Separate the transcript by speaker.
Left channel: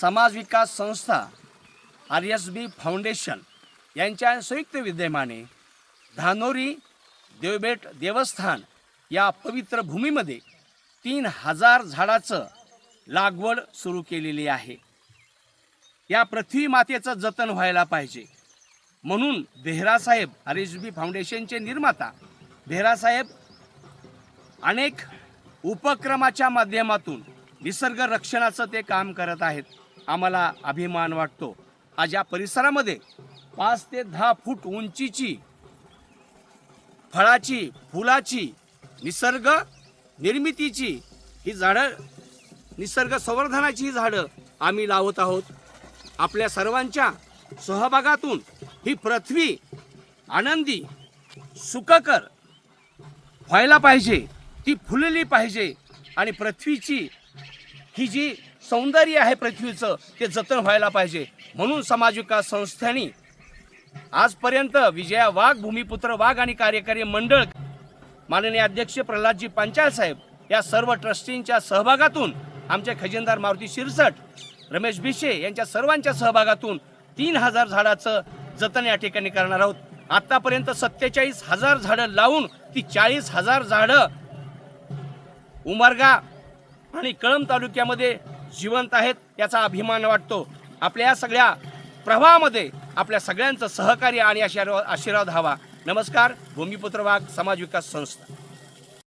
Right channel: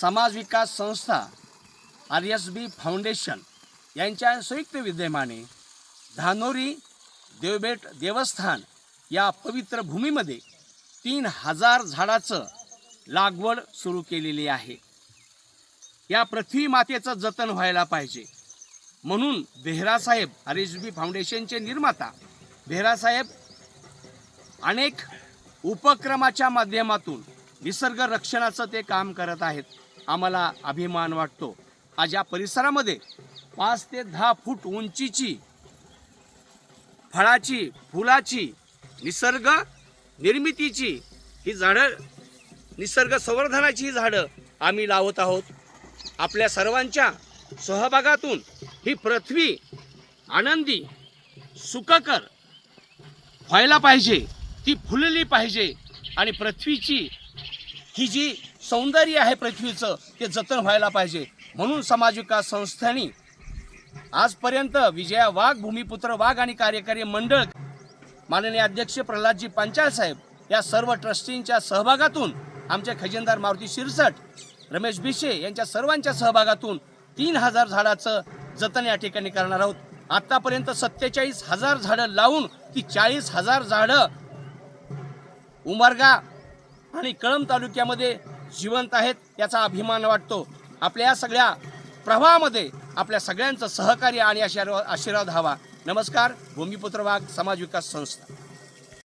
Speaker 1: समाज विकास संस्था R S बी foundation यांच्या संयुक्त विद्यमाने धानोरी देवबेट देवस्थान या पवित्र भूमीमध्ये तीन हजार झाडाचं लागवड सुरू केलेली आहे. या पृथ्वी मातेचं जतन व्हायला पाहिजे. म्हणून बेहरासाहेब आर एस बी फाउंडेशनचे निर्माता बेहरासाहेब अनेक उपक्रमाच्या माध्यमातून निसर्ग रक्षणाचं ते काम करत आहेत. आम्हाला अभिमान वाटतो. आज या परिसरामध्ये पाच ते दहा फूट उंचीची फळाची फुलाची निसर्ग निर्मितीची ही झाडं निसर्ग संवर्धनाची ही झाडं आम्ही लावत आहोत. आपल्या सर्वांच्या सहभागातून ही पृथ्वी आनंदी सुखकर व्हायला पाहिजे ती फुलली पाहिजे आणि पृथ्वीची ही जी सौंदर्य आहे पृथ्वीचं ते जतन व्हायला पाहिजे. म्हणून समाज विकास संस्थांनी आजपर्यंत विजया वाघ भूमिपुत्र वाघ आणि कार्यकारी मंडळ माननीय अध्यक्ष प्रल्हादजी पांचाळ साहेब या सर्व ट्रस्टींच्या सहभागातून आमचे खजिनदार मारुती शिरसट रमेश भिशे यांच्या सर्वांच्या सहभागातून तीन हजार झाडाचं जतन या ठिकाणी करणार आहोत. आतापर्यंत सत्तेचाळीस हजार झाडं लावून ती चाळीस हजार झाडं उमरगा आणि कळंब तालुक्यामध्ये जिवंत आहेत याचा अभिमान वाटतो. आपल्या या सगळ्या प्रवाहामध्ये आपल्या सगळ्यांचं सहकार्य आणि आशीर्वाद आशीर्वाद हवा. नमस्कार भूमिपुत्र वाघ समाज विकास संस्था.